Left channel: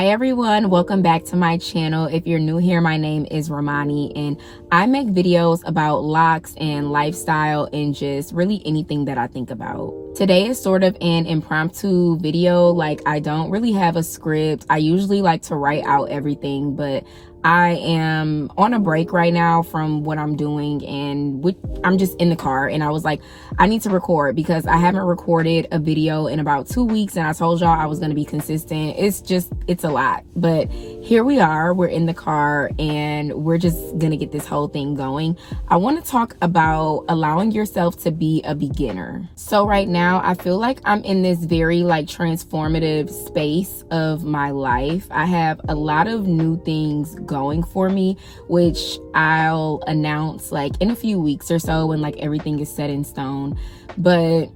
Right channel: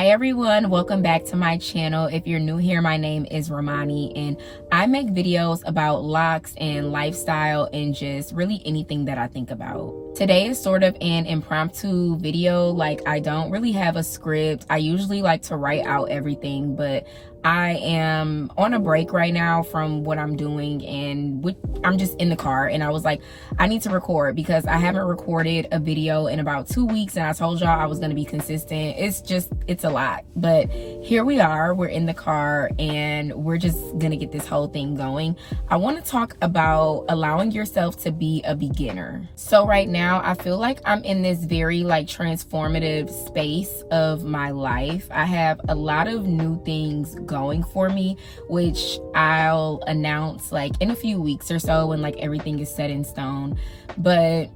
Hi everyone, welcome back to my channel. If you're new here, my name is Romani and I make videos about locks and lifestyle and just really anything that I think about. Today is sort of an impromptu video. Like, I don't really have a script. I usually like to write out everything, but I am on a break right now from what I'm doing, and I'm just in the car, and I was like, I need to record because I haven't recorded a video in about 2 weeks, and I told y'all I was going to be consistent. It's a lot, but here we are. We're in the car and we're just gonna get this whole thing going. I want to talk about allowing yourself to be a beginner. So right now I feel like I'm in this very transformative space of my life. I have a lot of new things going for me, which I'll announce in a few weeks or so when everything is set in stone. But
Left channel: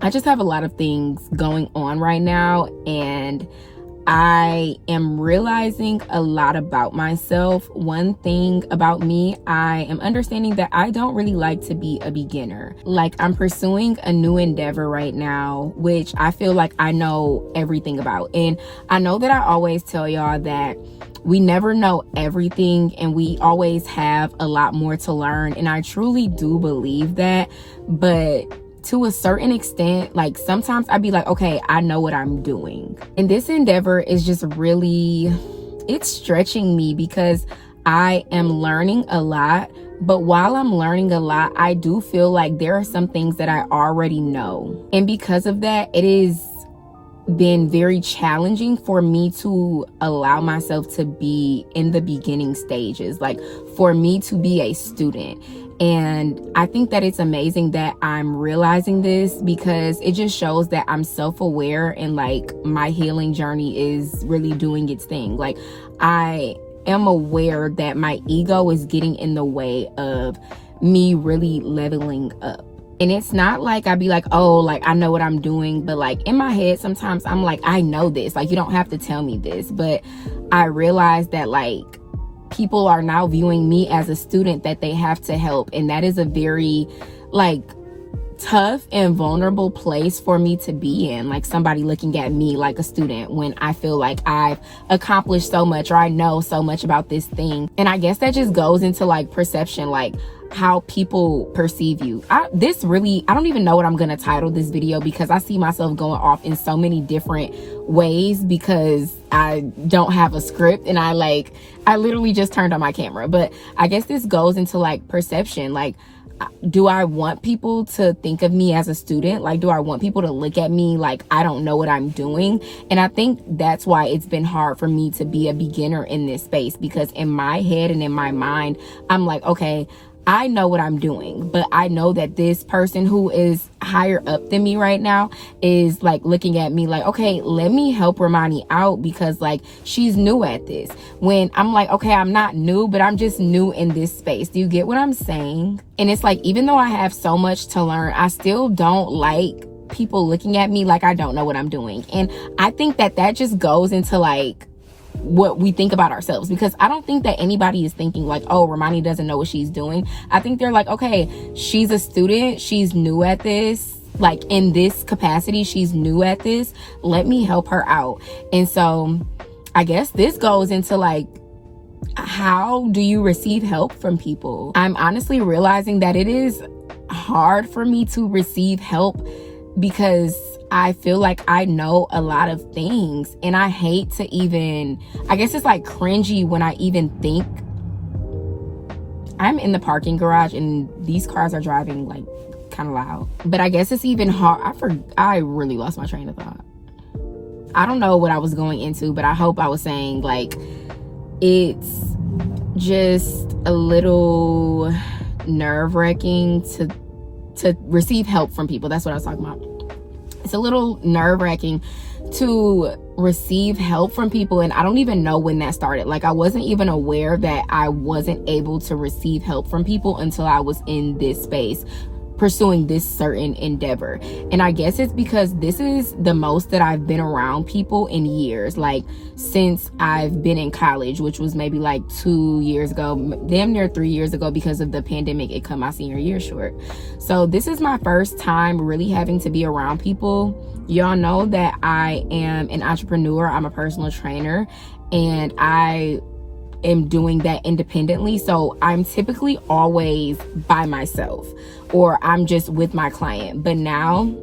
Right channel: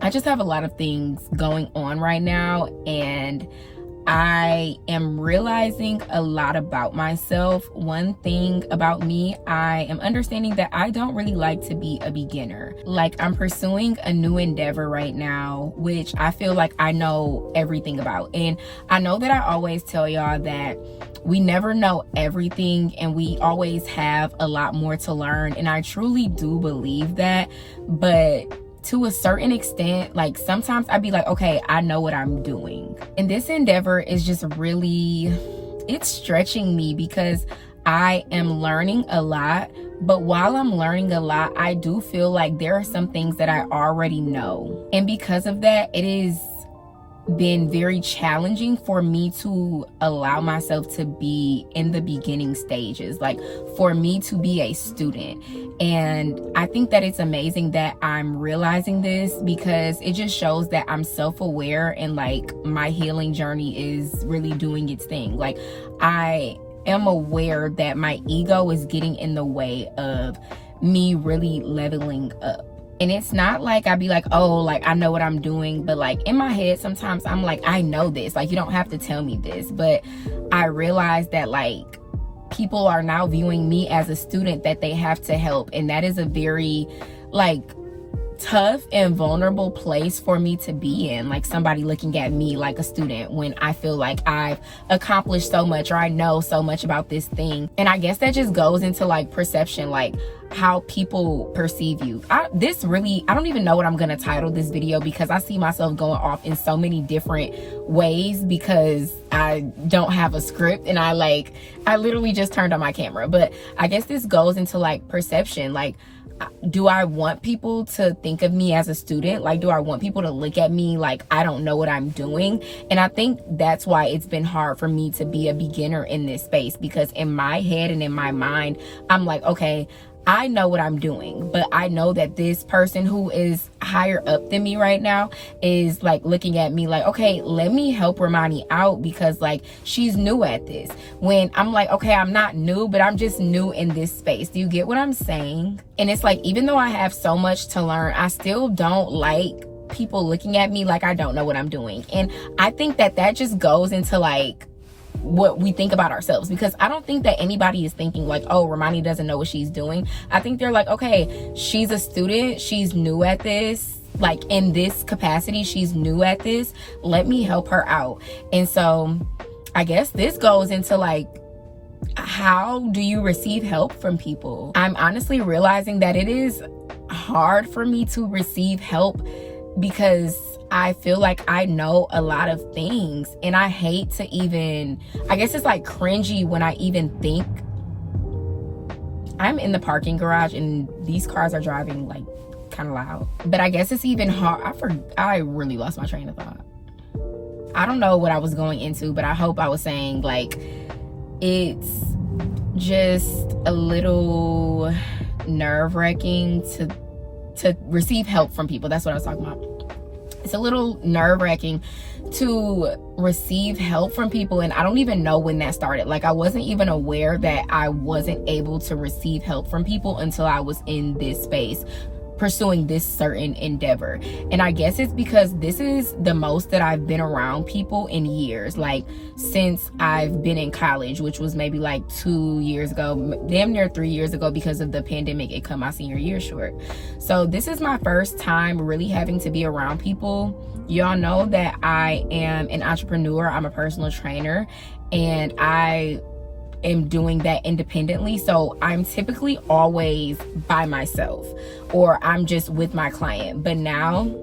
I just have a lot of things going on right now, and I am realizing a lot about myself. One thing about me, I am understanding that I don't really like to be a beginner. I'm pursuing a new endeavor right now, which I feel like I know everything about. And I know that I always tell y'all that we never know everything and we always have a lot more to learn. And I truly do believe that. But to a certain extent, sometimes I'd be like, okay, I know what I'm doing. And this endeavor is just really, it's stretching me because I am learning a lot. But while I'm learning a lot, I do feel like there are some things that I already know. And because of that, it is been very challenging for me to allow myself to be in the beginning stages, for me to be a student. And I think that it's amazing that I'm realizing this because it just shows that I'm self-aware and my healing journey is really doing its thing. I am aware that my ego is getting in the way of me really leveling up. And it's not I'd be oh, I know what I'm doing, but in my head, sometimes I'm I know this, you don't have to tell me this. But I realize that people are now viewing me as a student that they have to help. And that is a very tough and vulnerable place for me to be in, somebody looking at me like a student when I feel like I've accomplished so much or I know so much about this thing. And I guess that just goes into perception, how people perceive you. I don't even know what I'm gonna title this video because I see myself going off in so many different ways because I don't have a script and I literally just turned on my camera. But I guess this goes into perception. Do I want people to think of me as a student? Do I want people to look at me I don't know what I'm doing? And I think that's why it's been hard for me to be a beginner in this space, because in my head and in my mind, I'm okay, I know what I'm doing, but I know that this person who is higher up than me right now is looking at me okay, let me help Romani out because she's new at this. When I'm okay, I'm not new, but I'm just new in this space. Do you get what I'm saying? And it's even though I have so much to learn, I still don't like people looking at me I don't know what I'm doing. And I think that just goes into what we think about ourselves, because I don't think that anybody is thinking oh, Romani doesn't know what she's doing. I think they're okay, she's a student, she's new at this, in this capacity, she's new at this, let me help her out. And so I guess this goes into how do you receive help from people? I'm honestly realizing that it is hard for me to receive help because I feel like I know a lot of things, and I hate to even, I guess it's cringy when I even think. I'm in the parking garage and these cars are driving kind of loud, but I guess it's even hard. I really lost my train of thought. I don't know what I was going into, but I hope I was saying it's just a little nerve-wracking to receive help from people. That's what I was talking about. It's a little nerve-wracking to receive help from people, and I don't even know when that started. I wasn't even aware that I wasn't able to receive help from people until I was in this space. pursuing this certain endeavor. And I guess it's because this is the most that I've been around people in years, like since I've been in college, which was maybe like 2 years ago, damn near 3 years ago. Because of the pandemic, it cut my senior year short. So this is my first time really having to be around people. Y'all know that I am an entrepreneur. I'm a personal trainer, and I am doing that independently. So I'm typically always by myself, or I'm just with my client. But now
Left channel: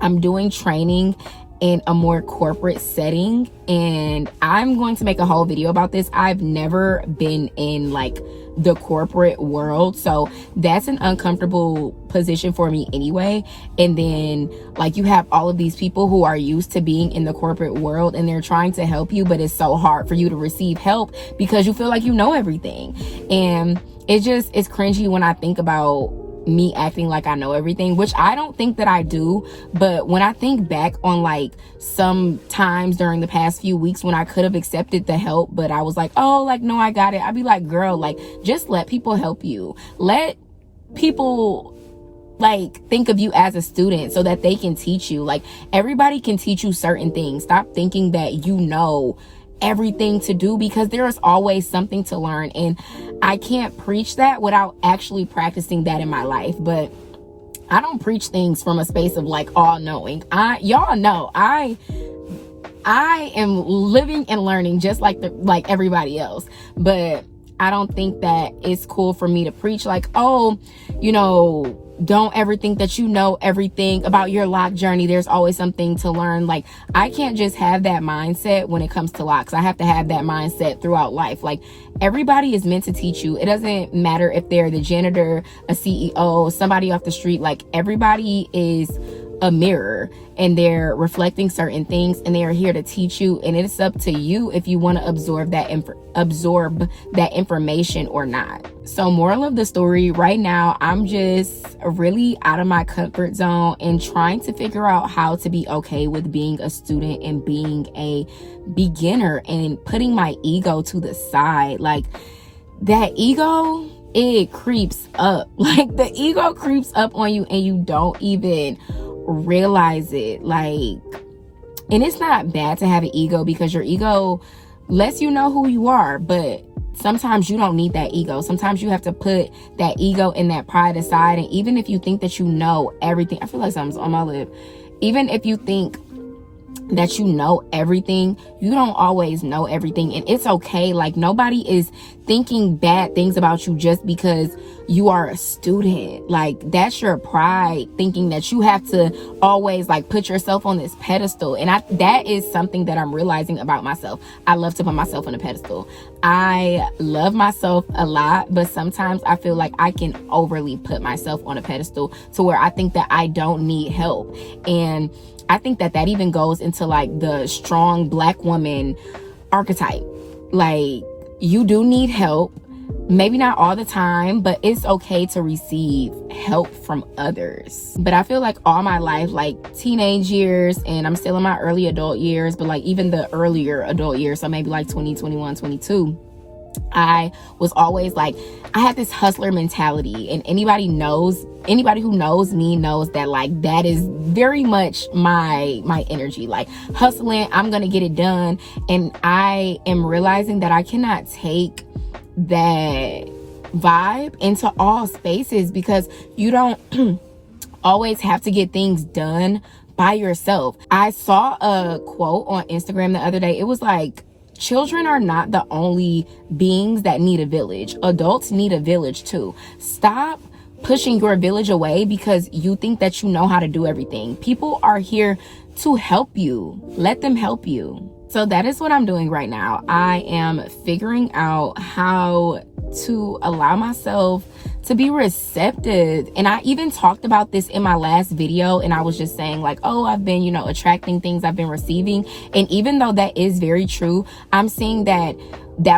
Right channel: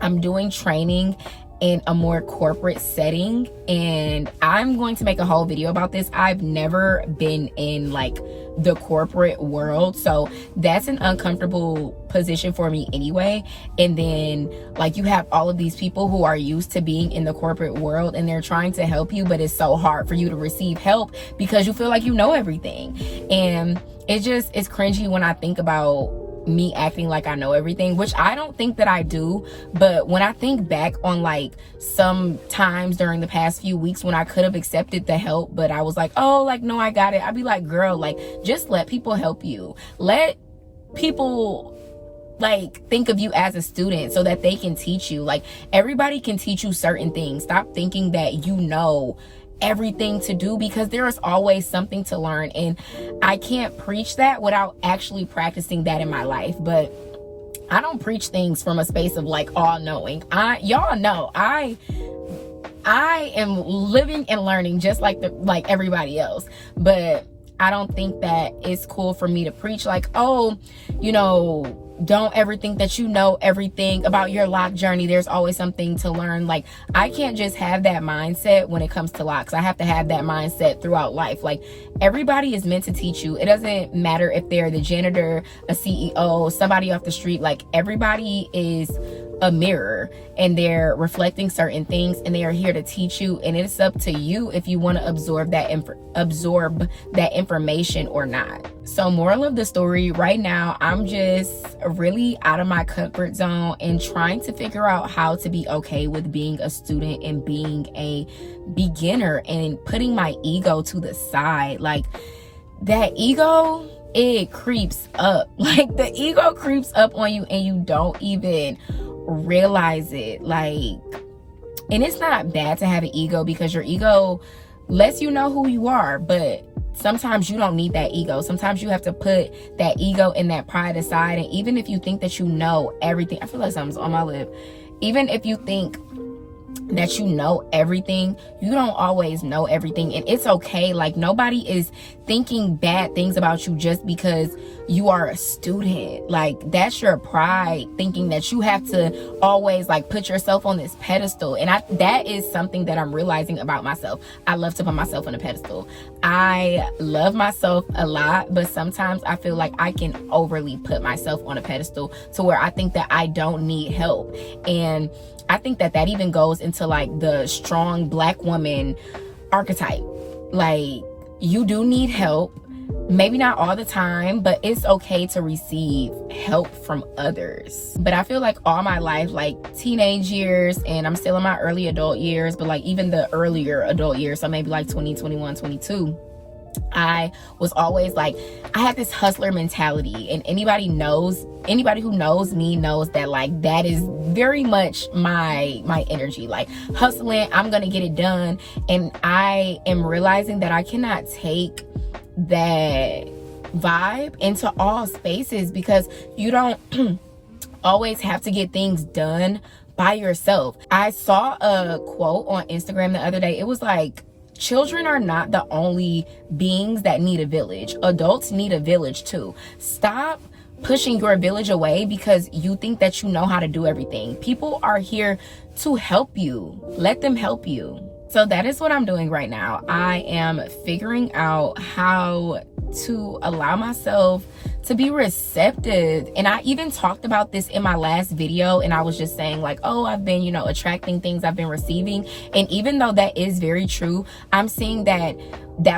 I'm doing training in a more corporate setting, and I'm going to make a whole video about this. I've never been in like the corporate world, so that's an uncomfortable position for me anyway. And then like you have all of these people who are used to being in the corporate world, and they're trying to help you, but it's so hard for you to receive help because you feel like you know everything. And it's cringy when I think about me acting like I know everything, which I don't think that I do. But when I think back on like some times during the past few weeks when I could have accepted the help, but I was like, oh, like, no, I got it, I'd be like, girl, like, just let people help you. Let people like think of you as a student so that they can teach you. Like, everybody can teach you certain things. Stop thinking that you know everything to do, because there is always something to learn. And I can't preach that without actually practicing that in my life. But I don't preach things from a space of like all knowing. Y'all know I am living and learning just like everybody else. But I don't think that it's cool for me to preach like, oh, you know, don't ever think that you know everything about your loc journey. There's always something to learn. Like, I can't just have that mindset when it comes to locs. I have to have that mindset throughout life. Like, everybody is meant to teach you. It doesn't matter if they're the janitor, a CEO, somebody off the street. Like, everybody is a mirror, and they're reflecting certain things, and they are here to teach you. And it's up to you if you want to absorb that information or not. So, moral of the story, right now I'm just really out of my comfort zone and trying to figure out how to be okay with being a student and being a beginner, and putting my ego to the side. Like, that ego, it creeps up. Like, the ego creeps up on you and you don't even realize it. Like, and it's not bad to have an ego, because your ego lets you know who you are. But sometimes you don't need that ego. Sometimes you have to put that ego and that pride aside. And even if you think that you know everything, I feel like something's on my lip. Even if you think that you know everything, you don't always know everything, and it's okay. Like, nobody is thinking bad things about you just because you are a student. Like, that's your pride, thinking that you have to always like put yourself on this pedestal. And that is something that I'm realizing about myself. I love to put myself on a pedestal. I love myself a lot, but sometimes I feel like I can overly put myself on a pedestal to where I think that I don't need help. And I think that even goes into like the strong Black woman archetype. Like, you do need help, maybe not all the time, but it's okay to receive help from others. But I feel like all my life, like teenage years, and I'm still in my early adult years, but like even the earlier adult years, so maybe like 20, 21, 22, I was always like, I had this hustler mentality. And anybody who knows me knows that like that is very much my energy. Like, hustling, I'm gonna get it done. And I am realizing that I cannot take that vibe into all spaces, because you don't always have to get things done by yourself. I saw a quote on Instagram the other day. It was like, children are not the only beings that need a village. Adults need a village too. Stop pushing your village away because you think that you know how to do everything. People are here to help you. Let them help you. So that is what I'm doing right now. I am figuring out how to allow myself to be receptive. And I even talked about this in my last video, and I was just saying like, oh, I've been, you know, attracting things I've been receiving. And even though that is very true, I'm seeing that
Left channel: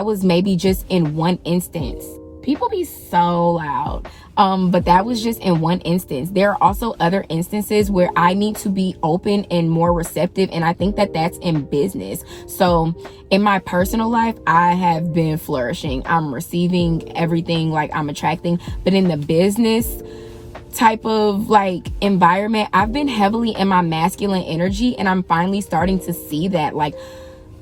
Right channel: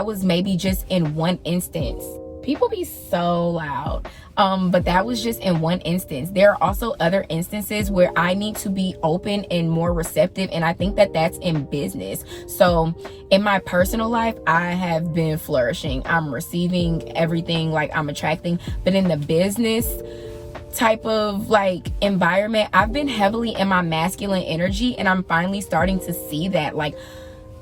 was maybe just in one instance. People be so loud. But that was just in one instance. There are also other instances where I need to be open and more receptive. And I think that that's in business. So in my personal life, I have been flourishing. I'm receiving everything, like I'm attracting. But in the business type of like environment, I've been heavily in my masculine energy, and I'm finally starting to see that like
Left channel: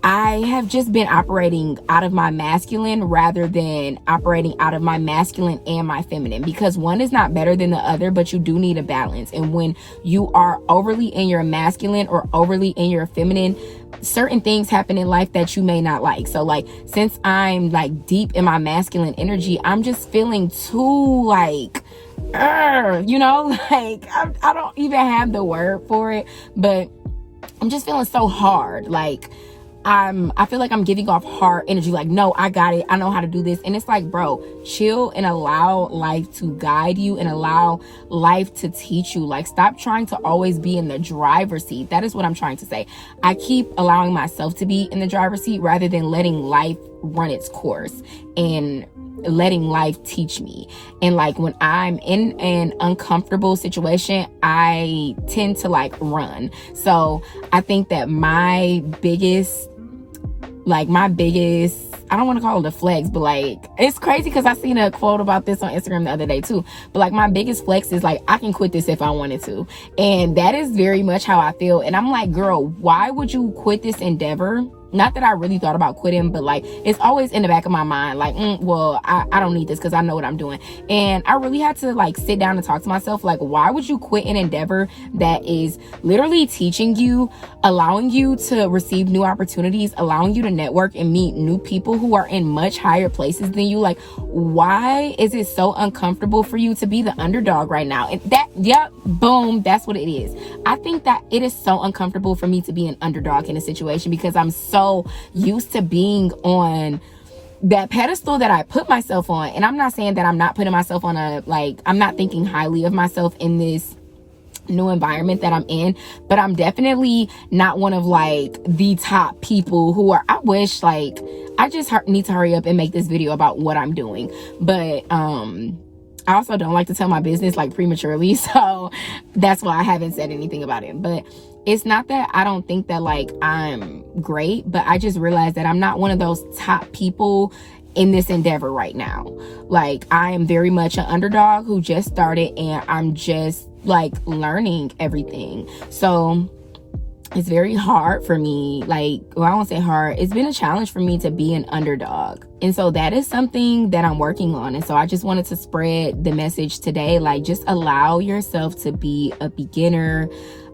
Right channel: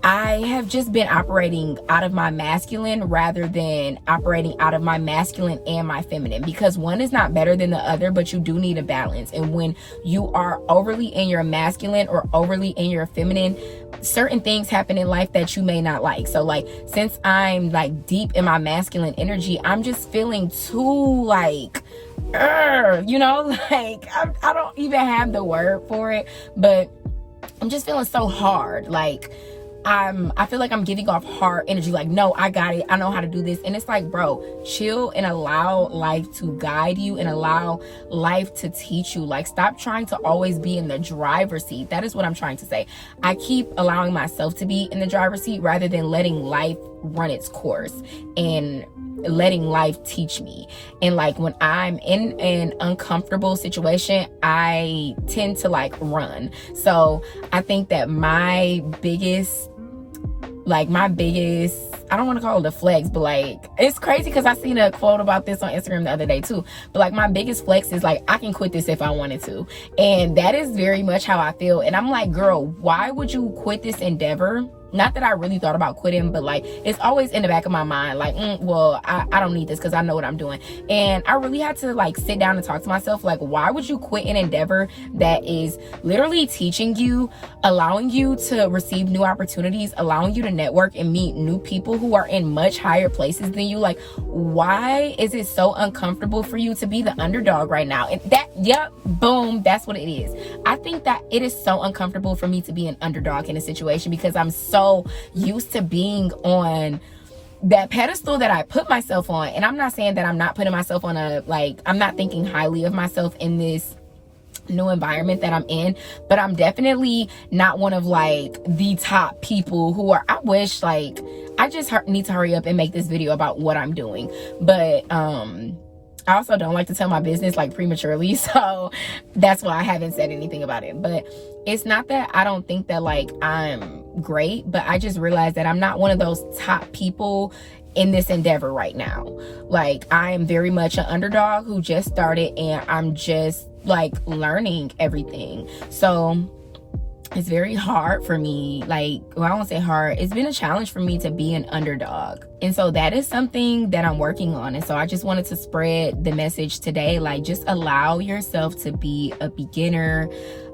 I have just been operating out of my masculine rather than operating out of my masculine and my feminine, because one is not better than the other, but you do need a balance. And when you are overly in your masculine or overly in your feminine, certain things happen in life that you may not like. So like, since I'm like deep in my masculine energy, I'm just feeling too like, you know, like I don't even have the word for it, but I'm just feeling so hard. Like I feel like I'm giving off hard energy, like, no, I got it, I know how to do this. And it's like, bro, chill and allow life to guide you and allow life to teach you. Like, stop trying to always be in the driver's seat. That is what I'm trying to say. I keep allowing myself to be in the driver's seat rather than letting life run its course and letting life teach me. And like, when I'm in an uncomfortable situation, I tend to like run. So I think that my biggest, I don't want to call it a flex, but like, it's crazy because I seen a quote about this on Instagram the other day too. But like, my biggest flex is like, I can quit this if I wanted to. And that is very much how I feel. And I'm like, girl, why would you quit this endeavor? Not that I really thought about quitting, but like, it's always in the back of my mind, like, well, I don't need this because I know what I'm doing. And I really had to like sit down and talk to myself, like, why would you quit an endeavor that is literally teaching you, allowing you to receive new opportunities, allowing you to network and meet new people who are in much higher places than you? Like, why is it so uncomfortable for you to be the underdog right now? And that, yep, boom, that's what it is. I think that it is so uncomfortable for me to be an underdog in a situation because I'm so used to being on that pedestal that I put myself on. And I'm not saying that I'm not putting myself on I'm not thinking highly of myself in this new environment that I'm in, but I'm definitely not one of like the top people who are, I wish, like, I just need to hurry up and make this video about what I'm doing. But I also don't like to tell my business like prematurely, so that's why I haven't said anything about it. But it's not that I don't think that like I'm great, but I just realized that I'm not one of those top people in this endeavor right now. Like, I am very much an underdog who just started, and I'm just like learning everything. So it's very hard for me, like, well, I won't say hard, it's been a challenge for me to be an underdog. And so that is something that I'm working on. And so I just wanted to spread the message today, like, just allow yourself to be a beginner.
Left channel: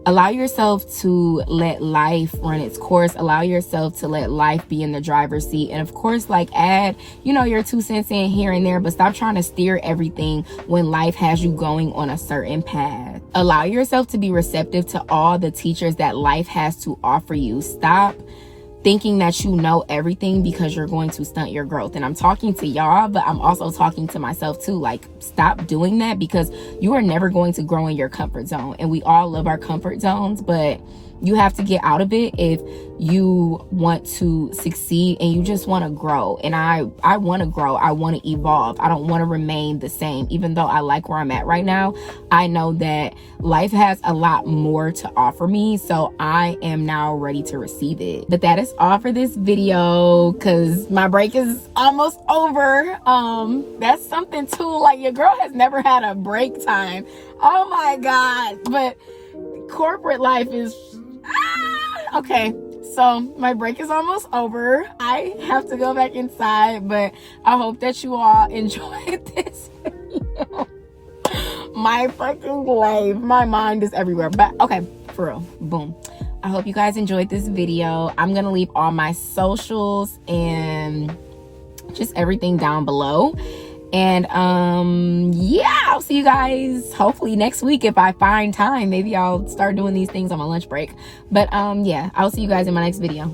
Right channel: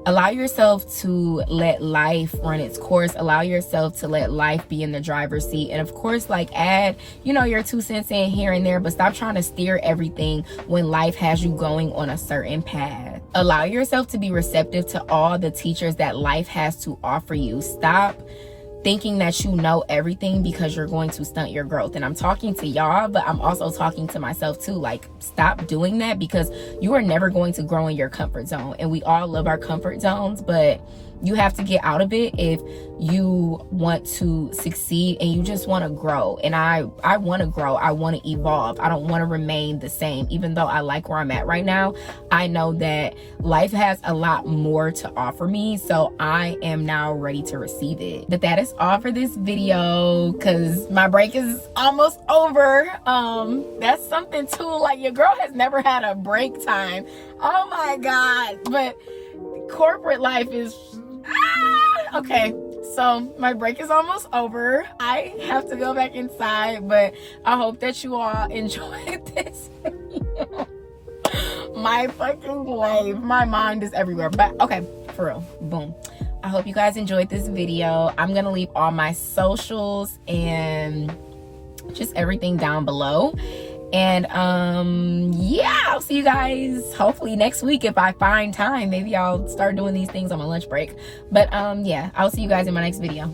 Allow yourself to let life run its course. Allow yourself to let life be in the driver's seat. And of course, like, add, you know, your 2 cents in here and there, but stop trying to steer everything when life has you going on a certain path. Allow yourself to be receptive to all the teachers that life has to offer you. Stop thinking that you know everything because you're going to stunt your growth. And I'm talking to y'all, but I'm also talking to myself too. Like, stop doing that, because you are never going to grow in your comfort zone. And we all love our comfort zones, but you have to get out of it if you want to succeed and you just want to grow. And I want to grow. I want to evolve. I don't want to remain the same. Even though I like where I'm at right now, I know that life has a lot more to offer me. So I am now ready to receive it. But that is all for this video, because my break is almost over. That's something too. Like, your girl has never had a break time. Oh my God. But corporate life is okay. So my break is almost over. I have to go back inside, but I hope that you all enjoyed this video. My fucking life, my mind is everywhere. But okay, for real, boom. I hope you guys enjoyed this video. I'm gonna leave all my socials and just everything down below. And yeah, I'll see you guys hopefully next week if I find time. Maybe I'll start doing these things on my lunch break. But yeah, I'll see you guys in my next video.